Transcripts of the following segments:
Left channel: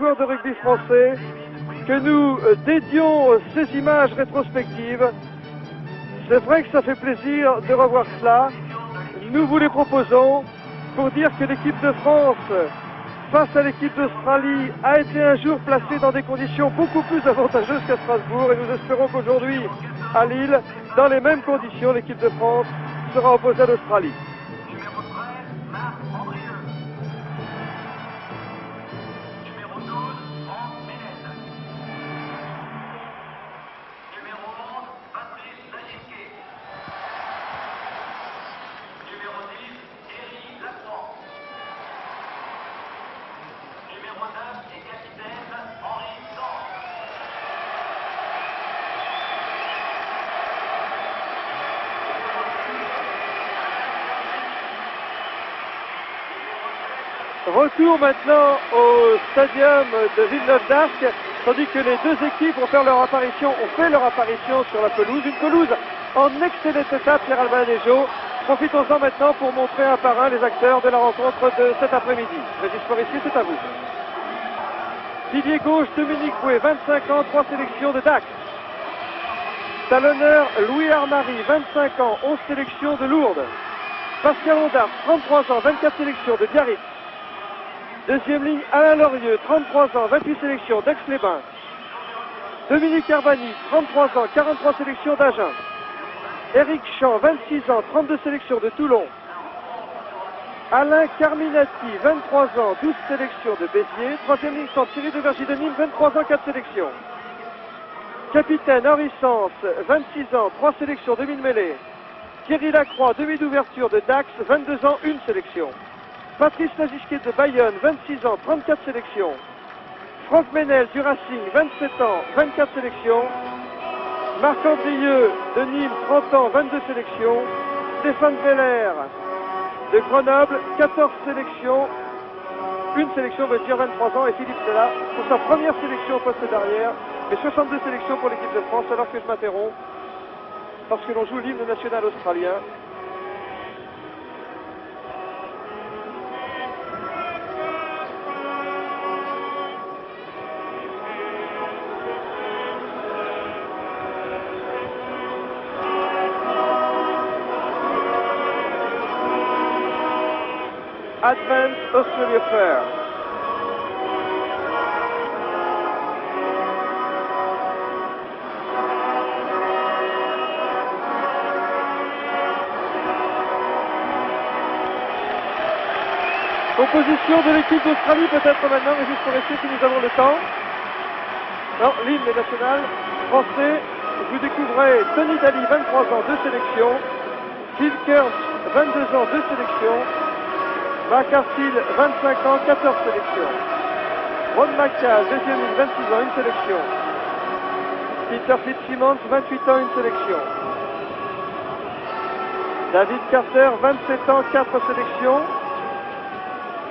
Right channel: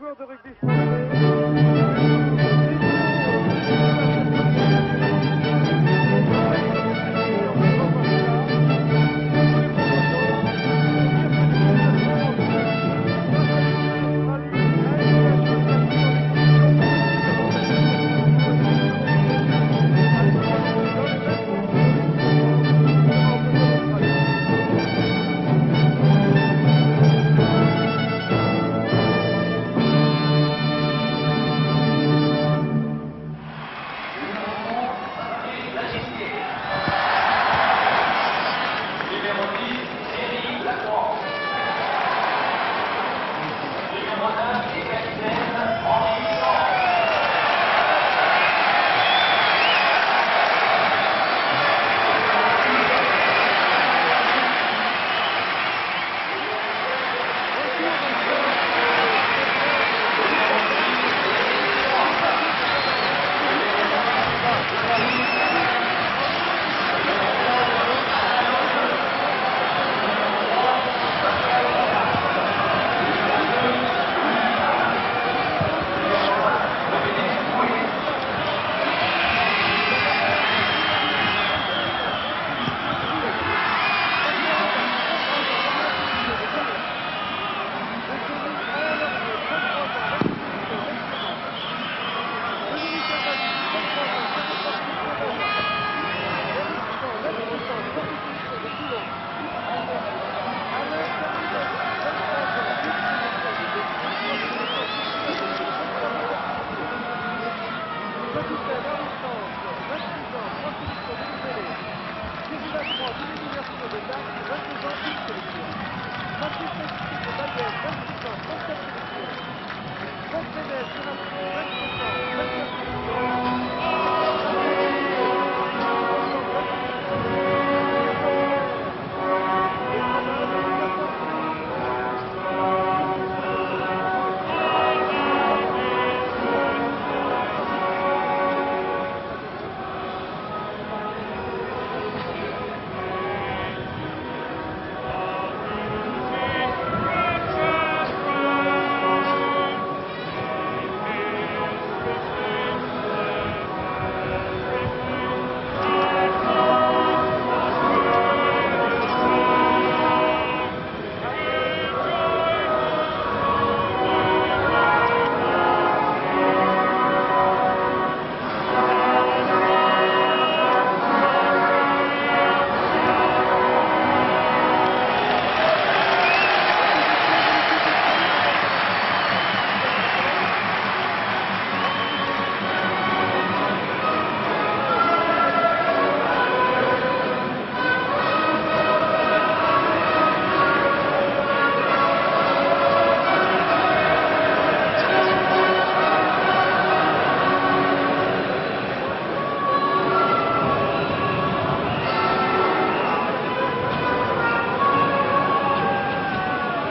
joueurs de rugby français que nous dédions ces images rétrospectives. C'est vrai que ça fait plaisir de revoir cela. Nous vous les proposons pour dire que l'équipe de France, face à l'équipe d'Australie, a été un jour placée dans des conditions beaucoup plus avantageuses qu'à Strasbourg. Et nous espérons qu'aujourd'hui, à Lille, dans les mêmes conditions, l'équipe de France sera opposée à l'Australie. Retour maintenant au stadium de Villeneuve d'Arc, tandis que les deux équipes ont fait leur apparition sur la pelouse. Une pelouse en excellent état, Pierre-Albin Lezo. Profitons-en maintenant pour montrer un par un les acteurs de la rencontre de cet après-midi. Je disparaît ici tout à fait. Didier Gauche, Dominique Coué, 25 ans, 3 sélections de Dax. Talonneur Louis Arnary, 25 ans, 11 sélections de Lourdes. Bastien Audin, 33 ans, 24 sélections de Biarritz. Deuxième ligne, Alain Lorieux, 33 ans, 28 sélections d'Aix-les-Bains. Dominique Arbani, 33 ans, 43 sélections d'Agen. Éric Champ, 26 ans, 32 sélections de Toulon. Alain Carminati, 23 ans, 12 sélections de Béziers. Troisième ligne, Thierry Desvergy de Nîmes, 23 ans, 4 sélections. Capitaine Henri Sens, 26 ans, 3 sélections de Mille-Mêlée. Thierry Lacroix, demi d'ouverture de Dax, 22 ans, 1 sélection. Patrice Mazisquet de Bayonne, 26 ans, 34 sélections. Franck Ménel du Racing, 27 ans, 24 sélections. Marc Andrieux de Nîmes, 30 ans, 22 sélections. Stéphane Zeller de Grenoble, 14 sélections. Une sélection de 23 ans et Philippe Sola pour sa première sélection au poste d'arrière. Et 62 sélections pour l'équipe de France alors que je m'interromps parce que l'on joue l'hymne national australien. Advent Australia Fair. Opposition de l'équipe d'Australie peut-être maintenant, mais juste pour rester si nous avons le temps. Non, l'hymne national français, vous découvrez Tony Daly, 23 ans, 2 sélections. Steve Kerr, 22 ans, 2 sélections. Mark Harfield, 25 ans, 14 sélections. Ron Mackay, deuxième ligne, 26 ans, 1 sélection. Peter Fitzsimmons, 28 ans, 1 sélection. David Carter, 27 ans, 4 sélections.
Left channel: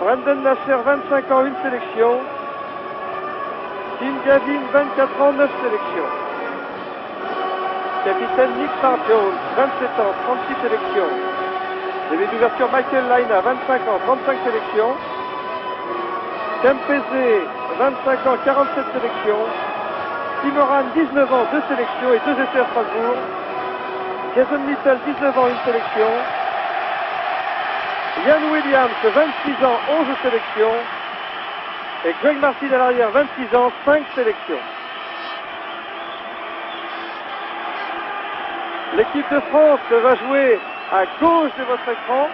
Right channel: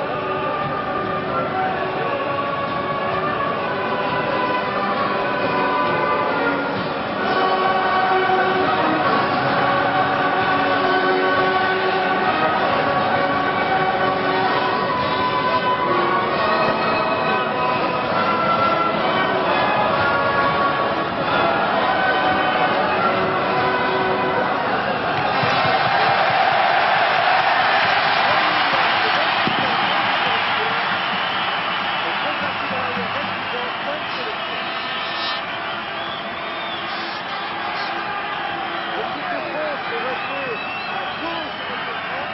Brendan Nasser, 25 ans, 1 sélection. Dean Gadin, 24 ans, 9 sélections. Capitaine Nick Parjones, 27 ans, 36 sélections. De l'utilisation Michael Laina, 25 ans, 35 sélections. Dempsey, 25 ans, 47 sélections. Timoran, 19 ans, 2 sélections et 2 essais à Strasbourg. Jason Little, 19 ans, 1 sélection. Ian Williams, 26 ans, 11 sélections. Et Greg Martin à l'arrière, 26 ans, 5 sélections. L'équipe de France va jouer à gauche de votre écran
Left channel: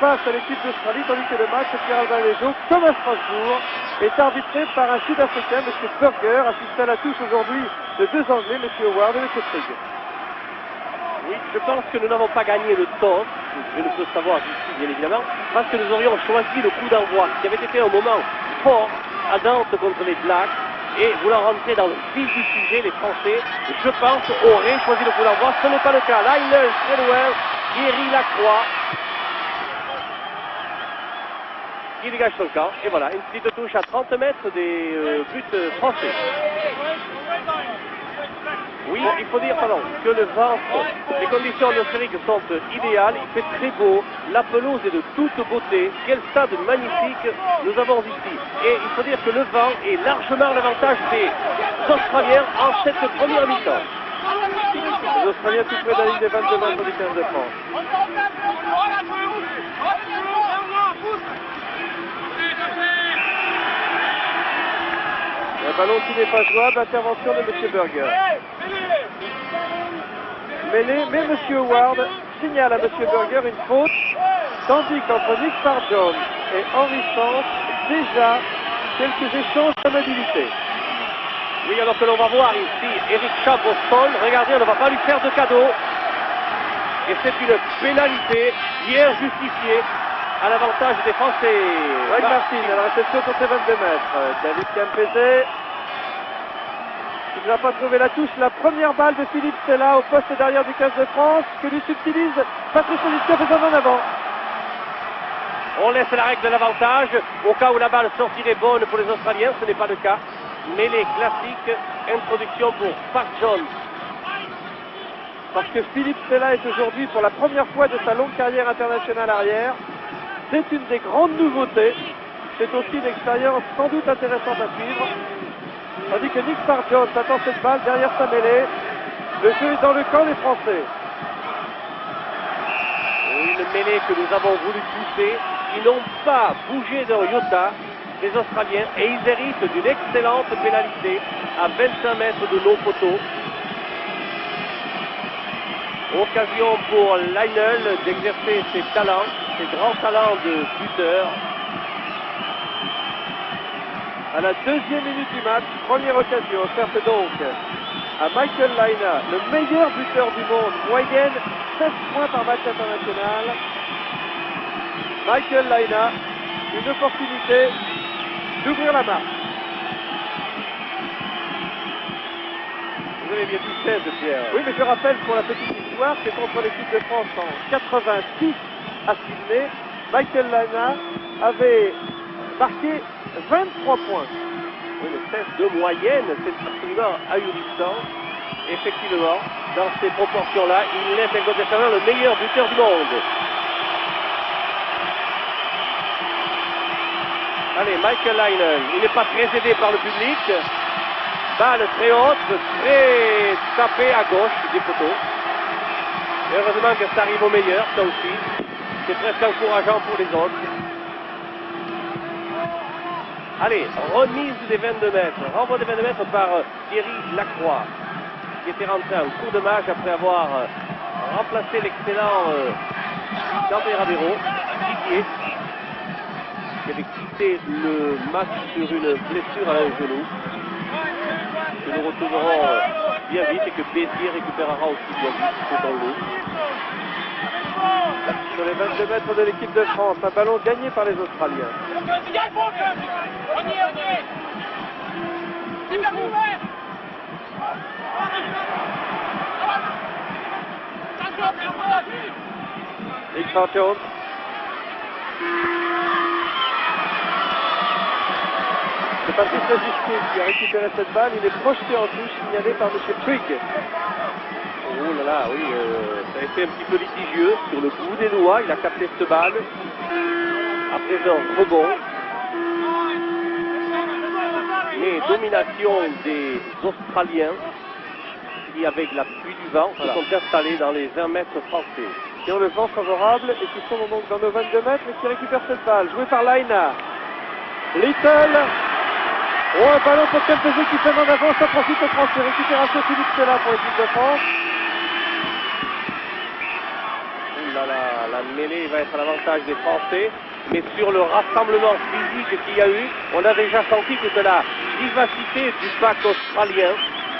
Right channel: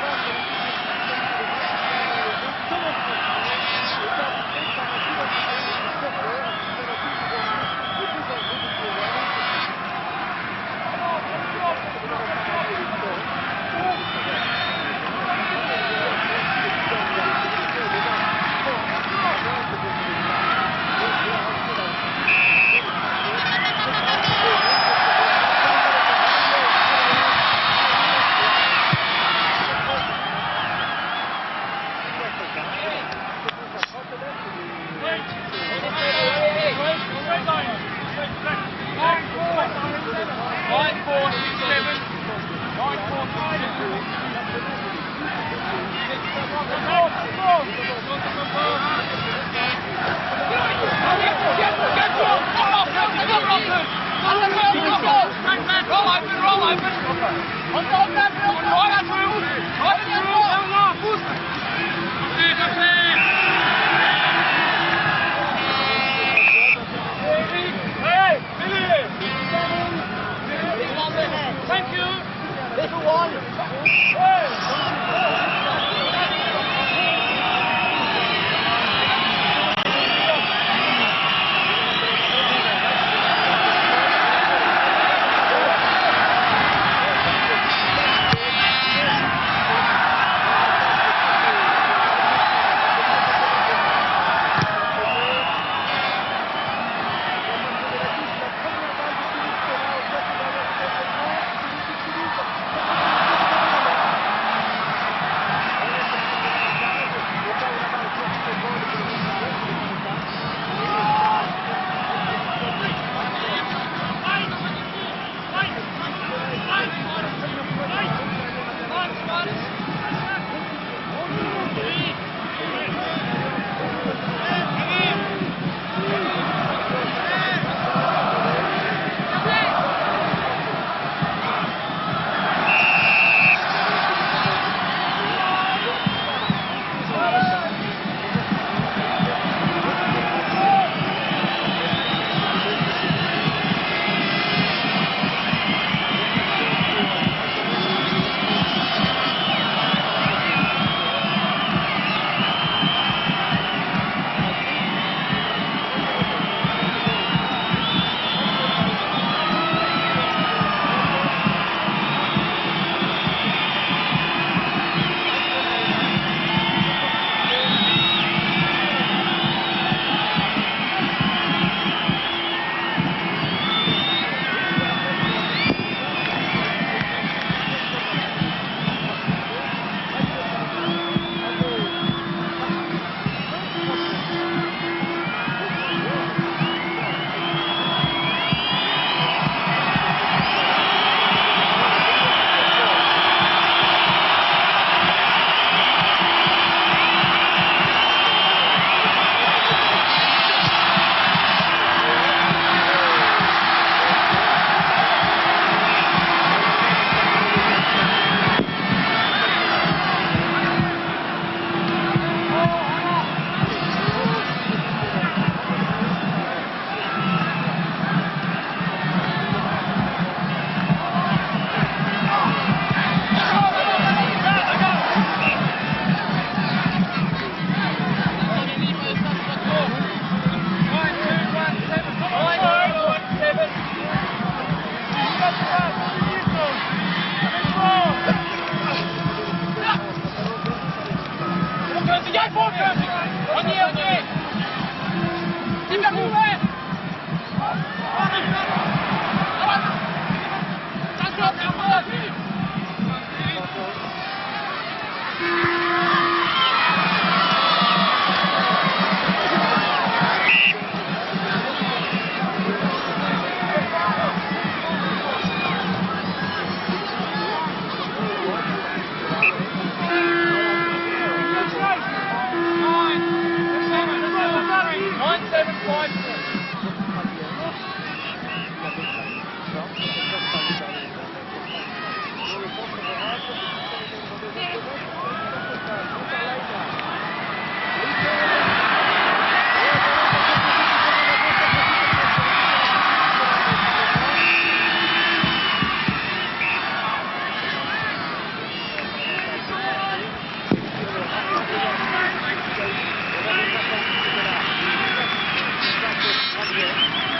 face à l'équipe d'Australie, tandis que le match de Pierre-Albin Lezo, comme à Strasbourg, est arbitré par un Sud-Africain, M. Burger, assisté à la touche aujourd'hui de 2 Anglais, M. Howard et M. Frege. Oui, je pense que nous n'avons pas gagné le toss, je ne peux savoir ici, bien évidemment, parce que nous aurions choisi le coup d'envoi, qui avait été un moment fort à Nantes contre les Blacks, et voulant rentrer dans le vif du sujet, les Français, je pense, auraient choisi le coup d'envoi. Ce n'est pas le cas. Là, il est très loin. Thierry Lacroix qui dégage son camp. Et voilà, une petite touche à 30 mètres des buts français. Oui, il faut dire que le vent, les conditions atmosphériques sont idéales, il fait très beau, la pelouse est de toute beauté, quel stade magnifique nous avons ici. Et il faut dire que le vent est largement l'avantage des Australiens en cette première mi-temps. Les Australiens qui jouent dans la ligne des 22 mètres du 15 de France. Le ballon qui n'est pas jouable, intervention de M. Burger. Mais M. Howard signale à M. Burger une faute, tandis qu'entre Nick Sargent et Henry France, déjà quelques échanges d'amabilité. Oui, alors que l'on va voir ici, Eric Chabrol, regardez, on ne va pas lui faire de cadeau. Et c'est une pénalité bien justifiée à l'avantage des Français. Wade Martin, à la réception contre 22 mètres. David Campese. Il n'a pas trouvé la touche. La première balle de Philippe Sella au poste derrière du 15 de France, que lui subtilise Patrice Lucas faisant en avant. On laisse la règle de l'avantage au cas où la balle sortirait bonne pour les Australiens, ce n'est pas le cas. Mais les classiques, introduction pour Park Jones. Parce que Philippe Sella est aujourd'hui, pour la première fois de sa longue carrière internationale arrière, c'est une des grandes nouveautés. C'est aussi une expérience sans doute intéressante à suivre. Tandis que Nick Sargent attend cette balle derrière sa mêlée. Le jeu est dans le camp des Français. Une mêlée que nous avons voulu pousser, qui n'ont pas bougé de iota, les Australiens, et ils méritent d'une excellente pénalité à 25 mètres de nos poteaux. Occasion pour Lionel d'exercer ses talents, ses grands talents de buteur. À la deuxième minute du match, première occasion, offerte donc à Michael Laina, le meilleur buteur du monde, moyenne 7 points par match international. Michael Laina, une opportunité d'ouvrir la marque. Oui, mais je rappelle pour la petite histoire que contre l'équipe de France en 86 à Sydney, Michael Laina avait marqué 23 points. Le test de moyenne, c'est ça à une distance. Effectivement, dans ces proportions-là, il est incontestablement le meilleur buteur du monde. Allez, Michael Laina, il n'est pas très aidé par le public. Balle très haute, très tapée à gauche du côté. Heureusement que ça arrive au meilleur, ça aussi. C'est très encourageant pour les autres. Allez, remise des 22 mètres. Renvoi des 22 mètres par Thierry Lacroix, qui était rentré un coup de match après avoir remplacé l'excellent Jean-Pierre Ravero. Et il avait quitté le match sur une blessure à la genou. Nous nous retrouverons bien vite et que Béziers récupérera aussi donc c'est dans l'eau. Sur les 22 mètres de l'équipe de France, un ballon gagné par les Australiens. Nick Sargent. C'est pas juste Justin qui a récupéré cette balle, il est projeté en but, signalé par M. Trigg. Oh là là, oui, ça a été un petit peu litigieux sur le bout des doigts, il a capté cette balle. À présent, rebond. Et domination des Australiens qui, avec la pluie du vent, se sont installés dans les 20 mètres français. Qui ont le vent favorable et qui sont donc dans nos 22 mètres et qui récupèrent cette balle. Joué par Laina. Little. Oh, un ballon pour Campese qui fait en avant, ça profite aux Français. Récupération Philippe Sella pour l'équipe de France. La mêlée va être à l'avantage des Français, mais sur le rassemblement physique qu'il y a eu, on a déjà senti que c'est la vivacité du pack australien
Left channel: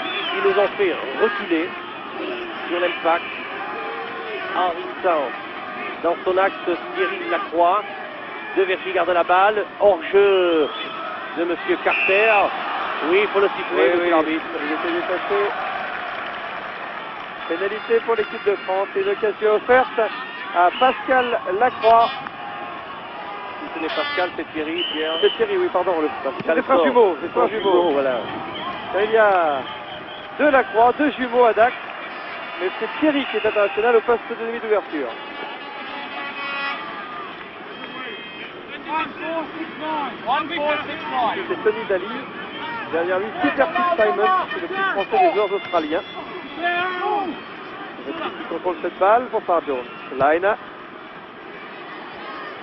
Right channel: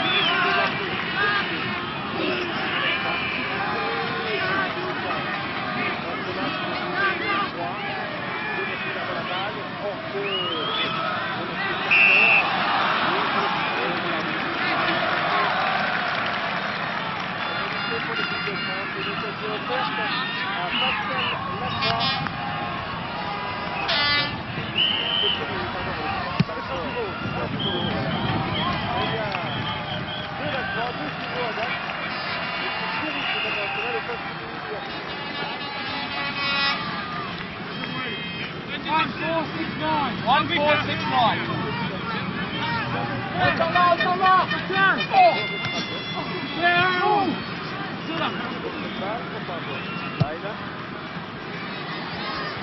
qui nous a fait reculer sur l'impact en imitant dans son axe Thierry Lacroix. Devait garder la balle, hors-jeu de M. Carter. Oui, il faut le siffler, oui, l'arbitre. Il était dépassé. Pénalité pour l'équipe de France. Et une occasion offerte à Pascal Lacroix. Si ce n'est Pascal, c'est Thierry, C'est Thierry, oui, pardon. C'est frère Jumeau, c'est frère Jumeau. Voilà. Il y a Delacroix, deux jumeaux à Dax. Mais c'est Thierry qui est international au poste de demi d'ouverture. C'est Tony Daly. Derrière lui, Peter Simon, c'est le petit français des joueurs australiens. Il contrôle cette balle pour Farjo. Laina.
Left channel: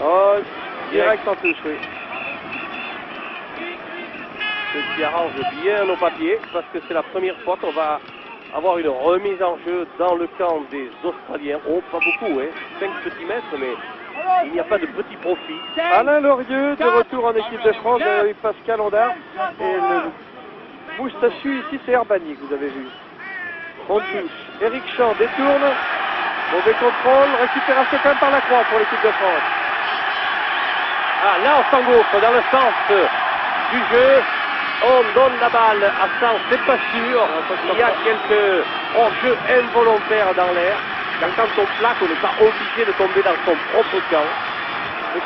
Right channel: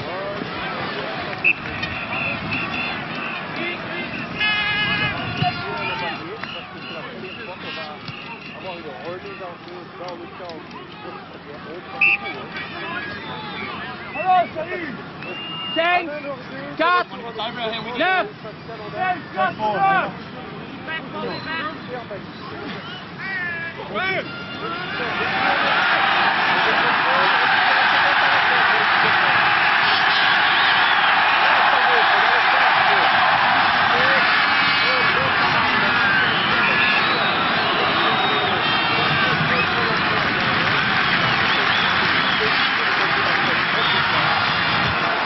Oh, direct en touche, oui. Ce qui arrange bien nos papiers, parce que c'est la première fois qu'on va avoir une remise en jeu dans le camp des Australiens. Oh, pas beaucoup, hein. 5 petits mètres, mais il n'y a pas de petit profit. Alain Lorieux, de retour en équipe de France, avec Pascal Ondard. Et le moustachu ici, c'est Herbani, vous avez vu. On touche. Eric Champ détourne. Mauvais contrôle. Récupération quand même par la croix pour l'équipe de France. Ah, là, on s'engouffre dans le sens du jeu. On donne la balle à 100, c'est pas sûr. Il y a quelques jeux involontaires dans l'air. Quand on plaque, on n'est pas obligé de tomber dans son propre camp.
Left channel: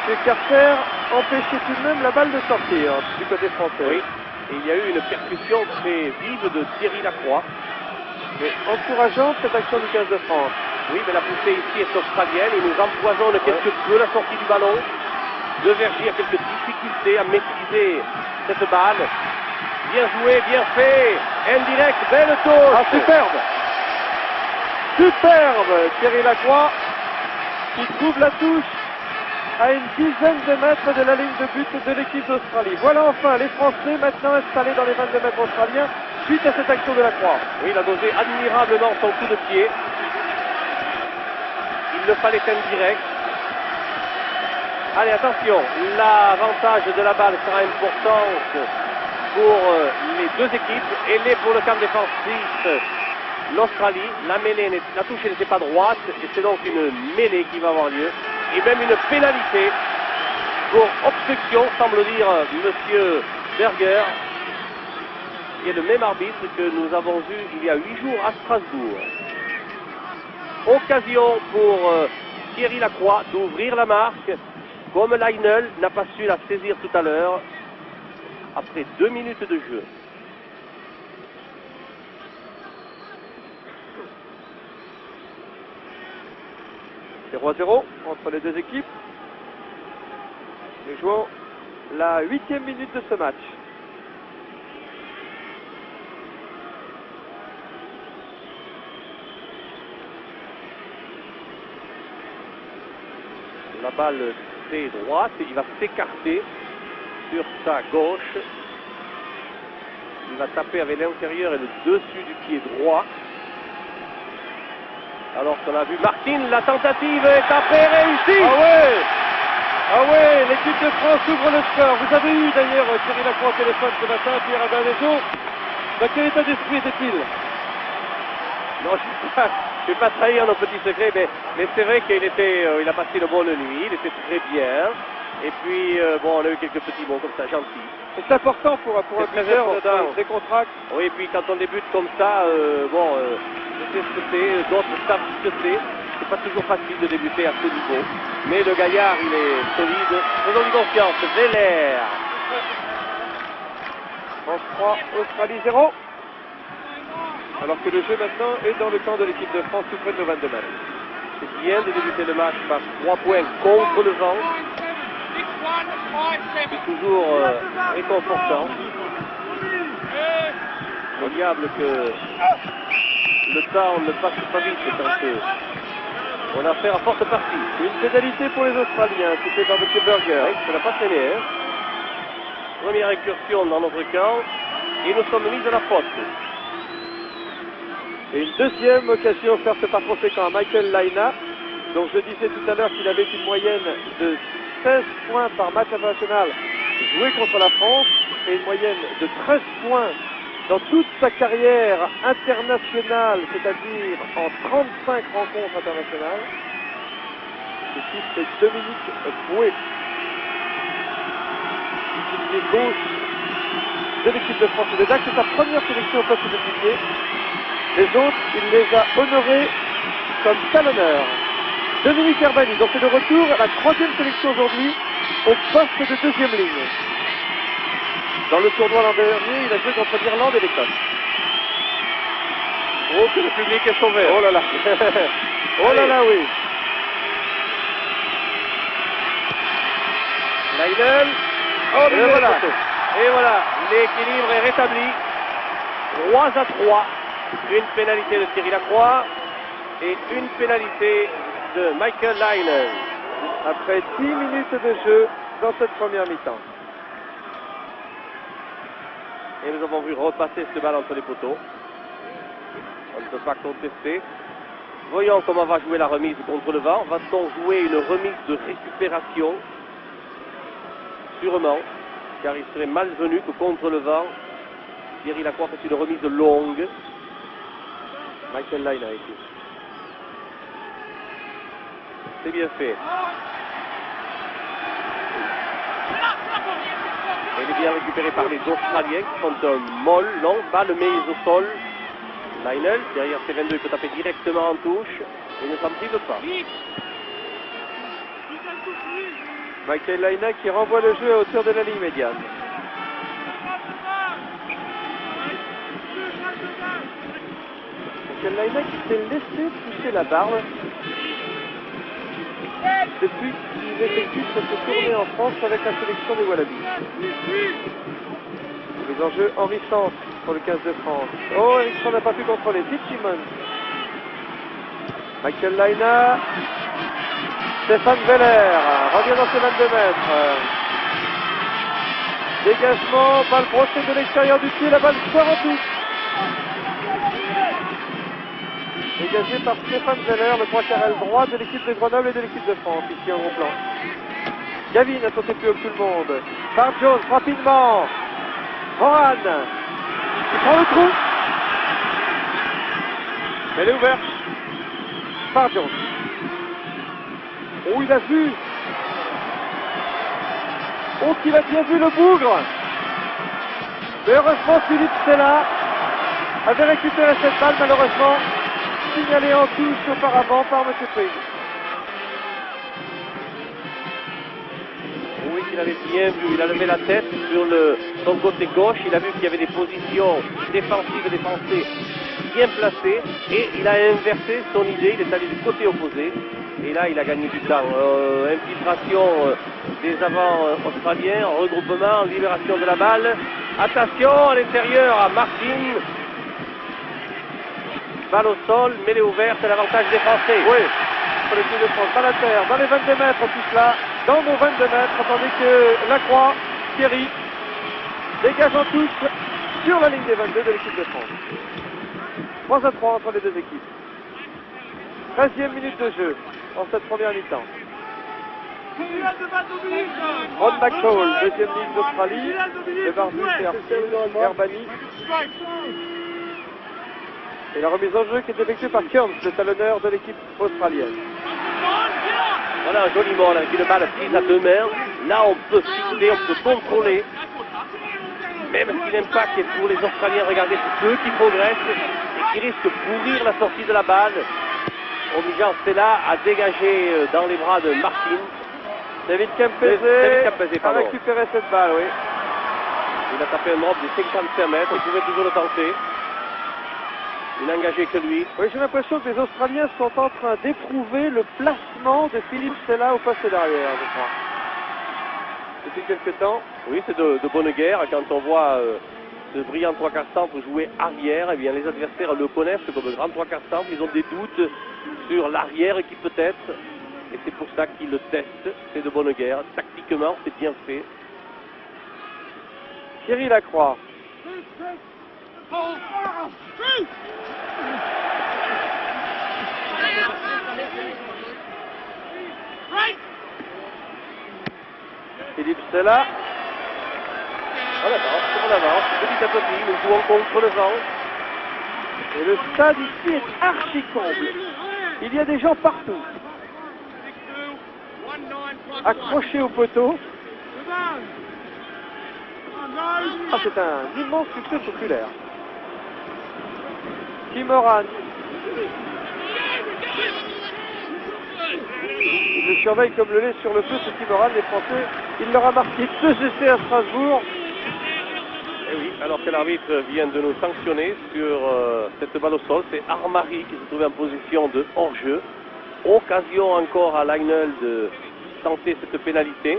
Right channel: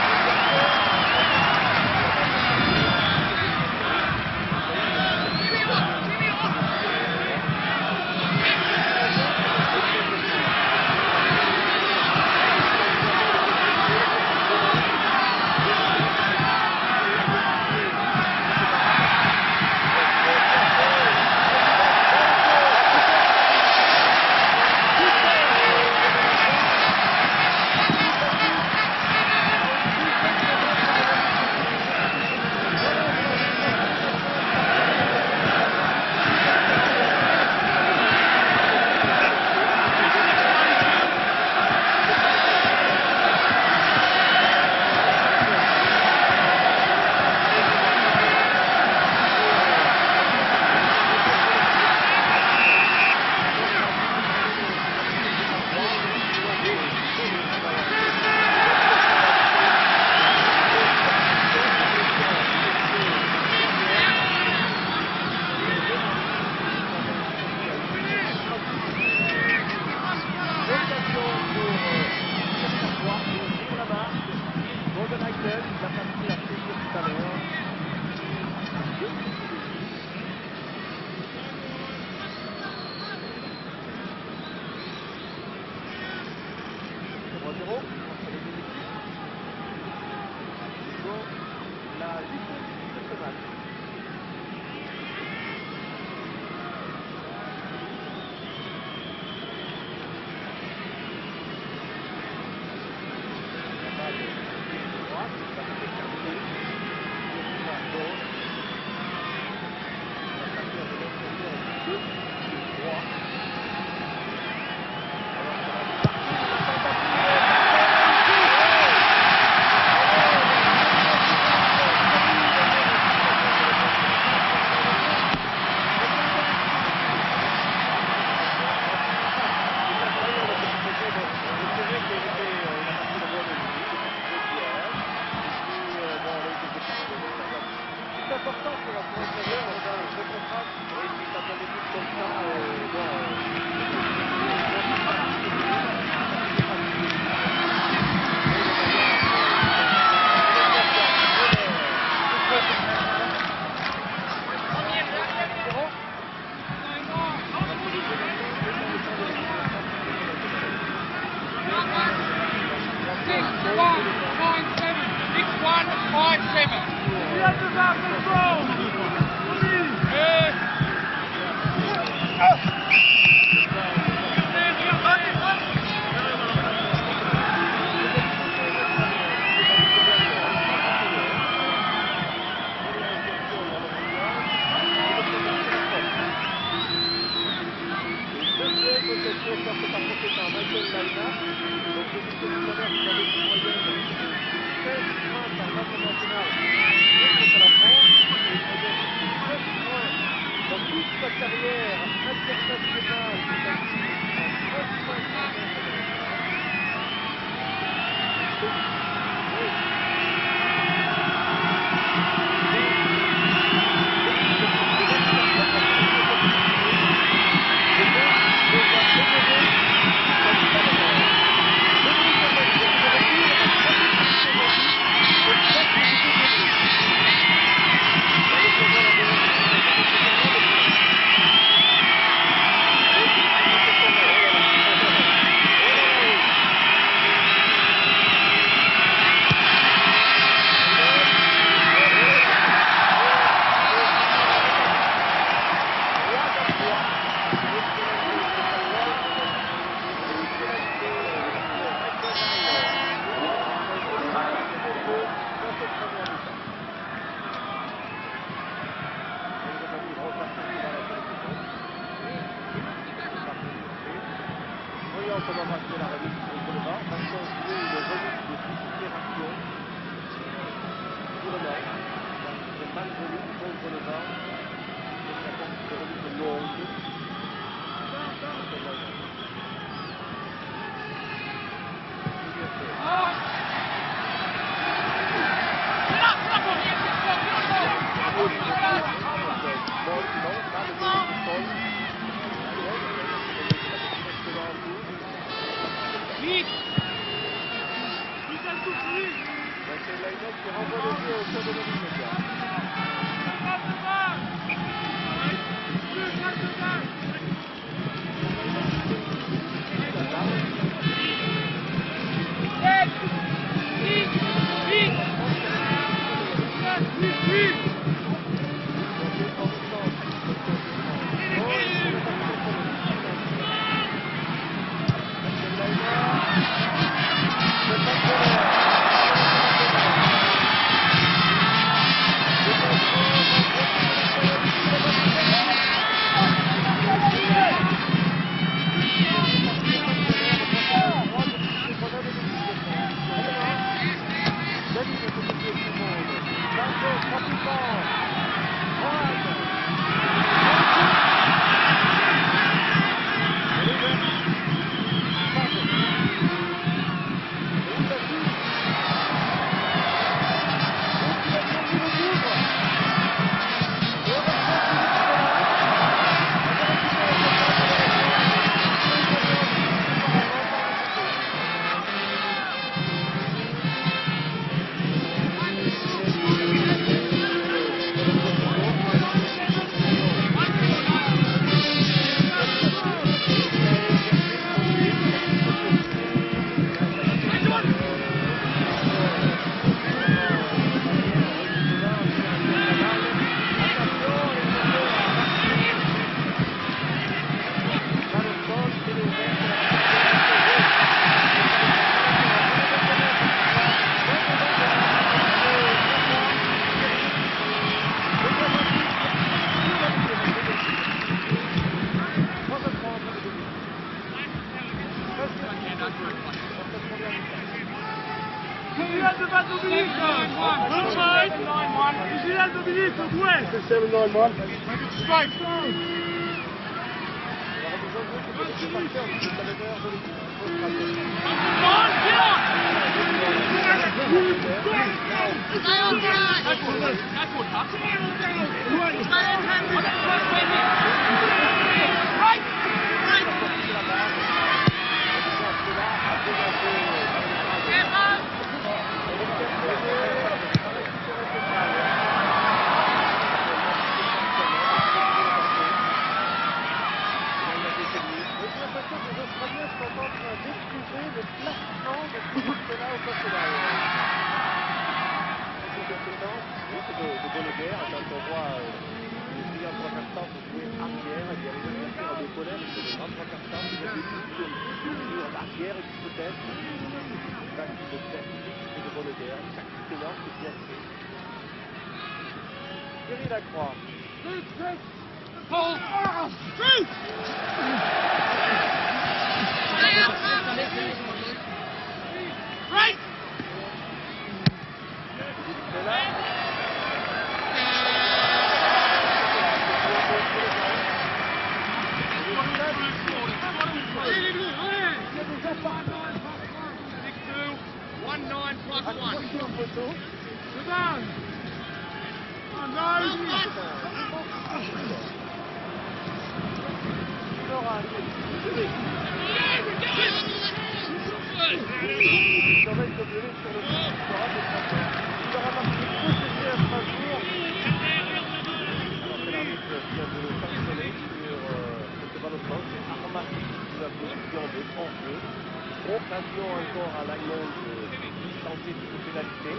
Et Carter empêchait tout de même la balle de sortir du côté français. Oui. Et il y a eu une percussion très vive de Thierry Lacroix. Encourageante cette action du 15 de France. Oui, mais la poussée ici est australienne. Il nous empoisonne quelque peu la sortie du ballon. De Vergier, quelques difficultés à maîtriser cette balle. Bien joué, bien fait. Indirect, belle chose. Ah, superbe. Superbe. Thierry Lacroix qui trouve la touche à une dizaine de mètres de la ligne de but de l'équipe d'Australie. Voilà enfin les Français maintenant installés dans les 22 mètres australiens suite à cette action de Lacroix. Oui, il a dosé admirable dans son coup de pied. Il ne fallait qu'un direct. Allez, attention, l'avantage de la balle sera important pour les deux équipes. Et bien pour le camp de France suisse, l'Australie, la touche n'était pas droite, c'est donc une mêlée qui va avoir lieu. Et même une pénalité pour obstruction, semble dire monsieur Berger, qui est le même arbitre que nous avons vu il y a 8 jours à Strasbourg. Occasion pour Thierry Lacroix d'ouvrir la marque, comme Leinel n'a pas su la saisir tout à l'heure, après 2 minutes de jeu. C'est 0-0 entre les deux équipes. Nous jouons la 8e minute de ce match. La balle très droite, il va s'écarter sur sa gauche. Il va taper avec l'intérieur et le dessus du pied droit. Alors qu'on a vu Martin, la tentative est tapée réussie. Ah ouais, l'équipe de France ouvre le score. Vous avez eu d'ailleurs Thierry Lacroix au téléphone ce matin, Pierre Adanoso. Dans quel état d'esprit était-il? Non, je ne vais pas trahir nos petits secrets, mais c'est vrai qu'il il a passé une bonne nuit, il était très bien. Et puis, bon, on a eu quelques petits mots comme ça, gentils. C'est important pour un buteur de décontracte. Oui, et puis quand on débute comme ça, je sais ce que c'est, d'autres savent ce que c'est pas toujours facile de débuter à ce niveau. Mais le gaillard, il est solide. Faisons confiance, Belair. En 3, Australie 0. Alors que le jeu maintenant est dans le camp de l'équipe de France suprême de 22 mètres. C'est bien de débuter le match par 3 points contre le vent. C'est toujours réconfortant. Regarde que le temps ne passe pas vite quand on a fait en forte partie. Une pénalité pour les Australiens, c'était par M. Berger. Oui, ça n'a pas traîné. Hein. Première incursion dans notre camp et nous sommes mis de la faute. Et une deuxième occasion offerte par conséquent à Michael Laina. Donc je disais tout à l'heure qu'il avait une moyenne de 16 points par match international joué contre la France et une moyenne de 13 points dans toute sa carrière internationale, c'est-à-dire en 35 rencontres internationales. C'est Dominique Boué. Les gauche de l'équipe de France. Déjà que c'est sa première sélection au poste de pilier. Les autres, il les a honorés comme talonneurs. Dominique Herbani, donc c'est de retour à la 3e sélection aujourd'hui au poste de 2e ligne. Dans le tournoi l'an dernier, il a joué contre l'Irlande et l'Écosse. Oh, que le public est sauvé. Oh là là. Oh là là, oui. Leiden. Oh, Et voilà. Et voilà. L'équilibre est rétabli. 3-3. Une pénalité de Thierry Lacroix et une pénalité de Michael Leinen. Après 10 minutes de jeu dans cette première mi-temps. Et nous avons vu repasser ce ballon entre les poteaux. On ne peut pas contester. Voyons comment va jouer la remise contre le vent. Va-t-on jouer une remise de récupération? Sûrement, car il serait malvenu que contre le vent, Thierry Lacroix fait une remise longue. Michael Leinen. C'est bien fait. Il est bien récupéré par les Australiens qui sont un molle, long, balle mise au sol. Leinen, derrière C22, il peut taper directement en touche. Il ne s'en prive pas. Michael Leinen qui renvoie le jeu à hauteur de la ligne médiane. Michael Leinen qui s'est laissé toucher la barre depuis qu'il effectue cette tournée en France avec la sélection des Wallabies. Les enjeux enrichissants pour le 15 de France. Oh, Ericsson n'a pas pu contrôler. Fitzsimons. Michael Leinen. Stéphane Veller revient dans ses 22 mètres. Dégagement, balle brossée de l'extérieur du pied, la balle sort en touche. Dégagé par Stéphane Veller, le 3 carrel droit de l'équipe de Grenoble et de l'équipe de France, ici en gros plan. Gavin a sauté plus haut que tout le monde. Par Jones, rapidement. Moran. Il prend le trou. Elle est ouverte. Par Jones. Oh, il a vu. Oh, qu'il a bien vu le bougre. Mais heureusement, Philippe Stella avait récupéré cette balle, malheureusement signalée en touche auparavant par M. Payne. Oui, il avait bien vu, il a levé la tête sur son côté gauche, il a vu qu'il y avait des positions défensives et défensives bien placées, et il a inversé son idée, il est allé du côté opposé, et là il a gagné du temps. Infiltration des avants australiens, regroupement, libération de la balle, attention à l'intérieur à Martin, balle au sol, mêlée ouverte, l'avantage des Français. Oui, c'est l'équipe de France à l'intérieur, dans les 22 mètres tout là, dans nos 22 mètres, tandis que Lacroix, Thierry, dégage en touche sur la ligne des 22 de l'équipe de France. 3-3 entre les deux équipes. 13e minute de jeu en cette première mi-temps. Rod McCall, deuxième ligne d'Australie, de Bardi, Herbali. Et la remise en jeu qui est effectuée par Kearns, le talonneur de l'équipe australienne. Voilà un joli ball, une balle prise à deux mains. Là on peut cibler, on peut contrôler. Même si l'impact est pour les Australiens, regardez ceux qui progressent et qui risquent de pourrir la sortie de la balle, obligeant Stella à dégager dans les bras de Martin. David Kempese a récupéré cette balle, oui. Il a tapé un drop de 55 mètres, on pouvait toujours le tenter. Il n'a engagé que lui. Oui, j'ai l'impression que les Australiens sont en train d'éprouver le placement de Philippe Stella au poste derrière, je crois. Depuis quelques temps. Oui, c'est de bonne guerre. Quand on voit ce brillant trois quarts centre jouer arrière, eh bien, les adversaires le connaissent comme grand trois quarts centre. Ils ont des doutes sur l'arrière qui peut être. Et c'est pour ça qu'ils le testent. C'est de bonne guerre. Tactiquement, c'est bien fait. Thierry Lacroix. Philippe Stella. On avance, petit à petit, nous jouons contre le vent. Et le stade ici est archi comble. Il y a des gens partout. Accrochés au poteau. Ah, c'est un immense succès populaire. Tim Moran. Il le surveille comme le lait sur le feu, ce Tim Moran. Les Français, il leur a marqué 2 essais à Strasbourg. Et oui, alors que l'arbitre vient de nous sanctionner sur cette balle au sol, c'est Armari qui se trouvait en position de hors-jeu. Occasion encore à Leinel de tenter cette pénalité.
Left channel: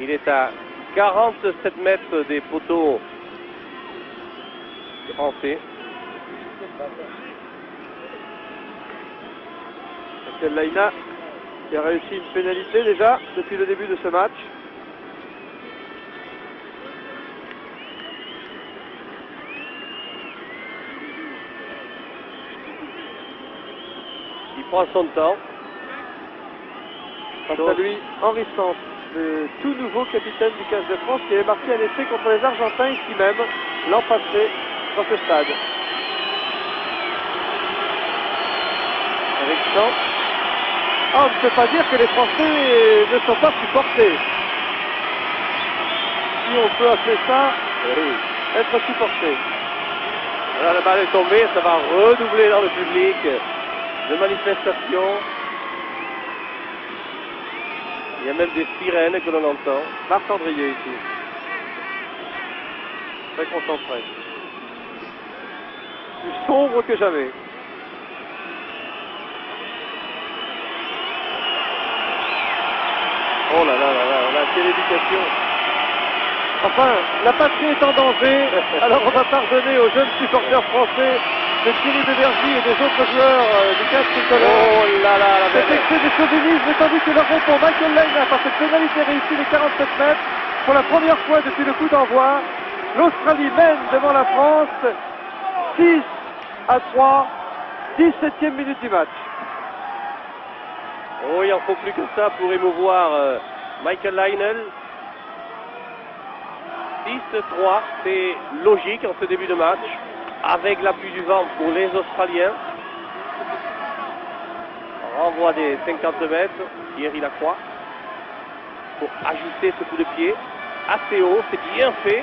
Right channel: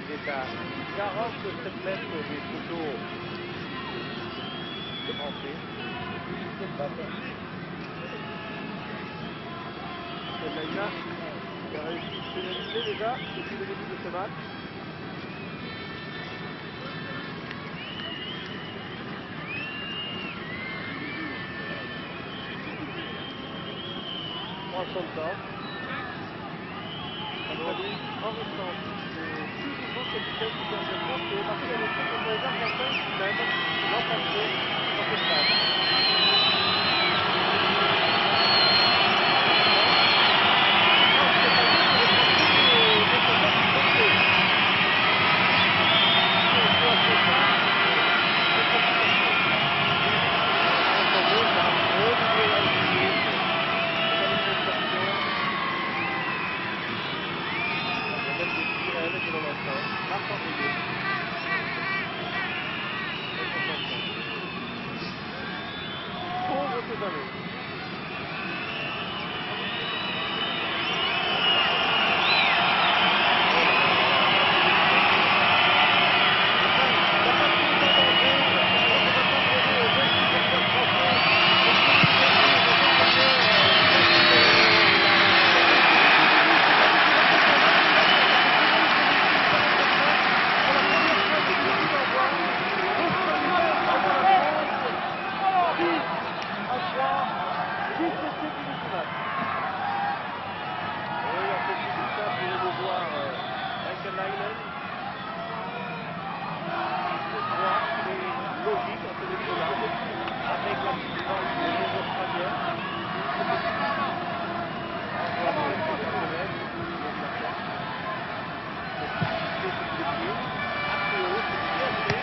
Il est à 47 mètres des poteaux français. Michael Laina qui a réussi une pénalité déjà depuis le début de ce match. Il prend son temps. Quant à lui, Henri Sanz, le tout nouveau capitaine du 15 de France qui avait marqué un essai contre les Argentins ici même l'an passé dans ce stade. Avec Sanz. Ah, on ne peut pas dire que les Français ne sont pas supportés. Si on peut appeler ça être supporté. Voilà, la balle est tombée, ça va redoubler dans le public de manifestation. Il y a même des sirènes que l'on entend. Marc-Andrier ici. Très concentré. Plus sombre que jamais. Oh là là là là, la télévision. Enfin, la patrie est en danger, alors on va pardonner aux jeunes supporters français de Thierry Debergy et des autres joueurs du 15 tricolore. Oh là là, la Cet excès de chauvinisme, tandis que leur répond Michael Laina par cette pénalité réussie de 47 mètres. Pour la première fois depuis le coup d'envoi, l'Australie mène devant la France 6-3, 17e minute du match. Oh, il en faut plus que ça pour émouvoir Michael Leinel. 6-3, c'est logique en ce début de match, avec l'appui du vent pour les Australiens. Renvoi des 50 mètres, Thierry Lacroix, pour ajuster ce coup de pied. Assez haut, c'est bien fait.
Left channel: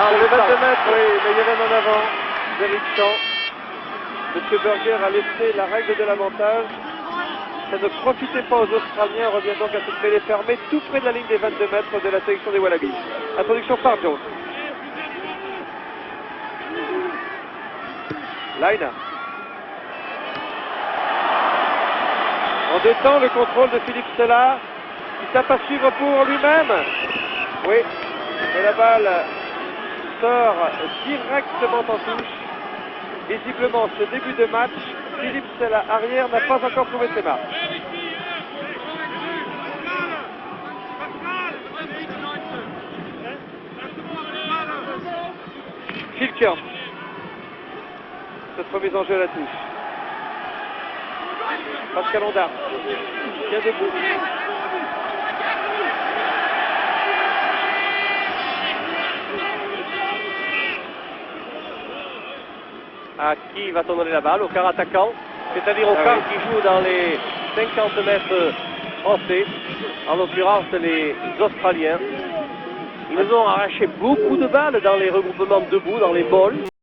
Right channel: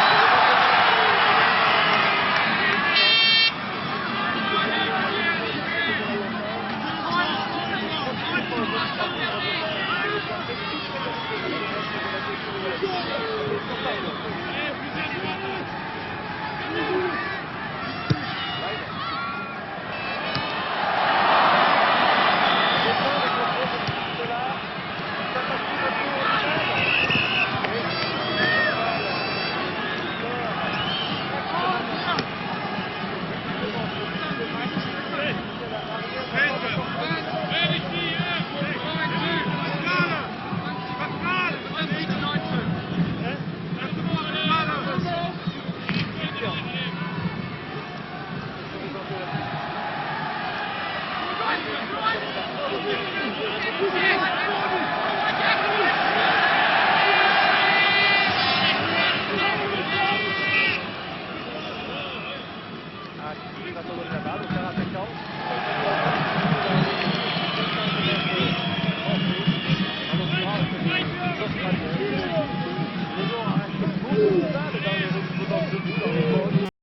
Ah, le 22 mètres, oui, mais il y a même en avant. Vérifiant. M. Berger a laissé la règle de l'avantage. Et ne profitez pas aux Australiens, on revient donc à cette mêlée fermée, tout près de la ligne des 22 mètres de la sélection des Wallabies. Introduction par Jones. Laina. On détend le contrôle de Philippe Sella, qui tape à suivre pour lui-même. Oui, et la balle sort directement en touche. Visiblement, ce début de match, Philippe Sella, arrière, n'a pas encore trouvé ses marques. Kitchen. Cette remise en jeu à la touche. Pascal Honda. Bien debout. À qui va-t-on donner la balle? Au quart attaquant, c'est-à-dire au quart qui joue dans les 50 mètres français, en l'occurrence les Australiens. Ils nous ont arraché beaucoup de balles dans les regroupements debout, dans les balls.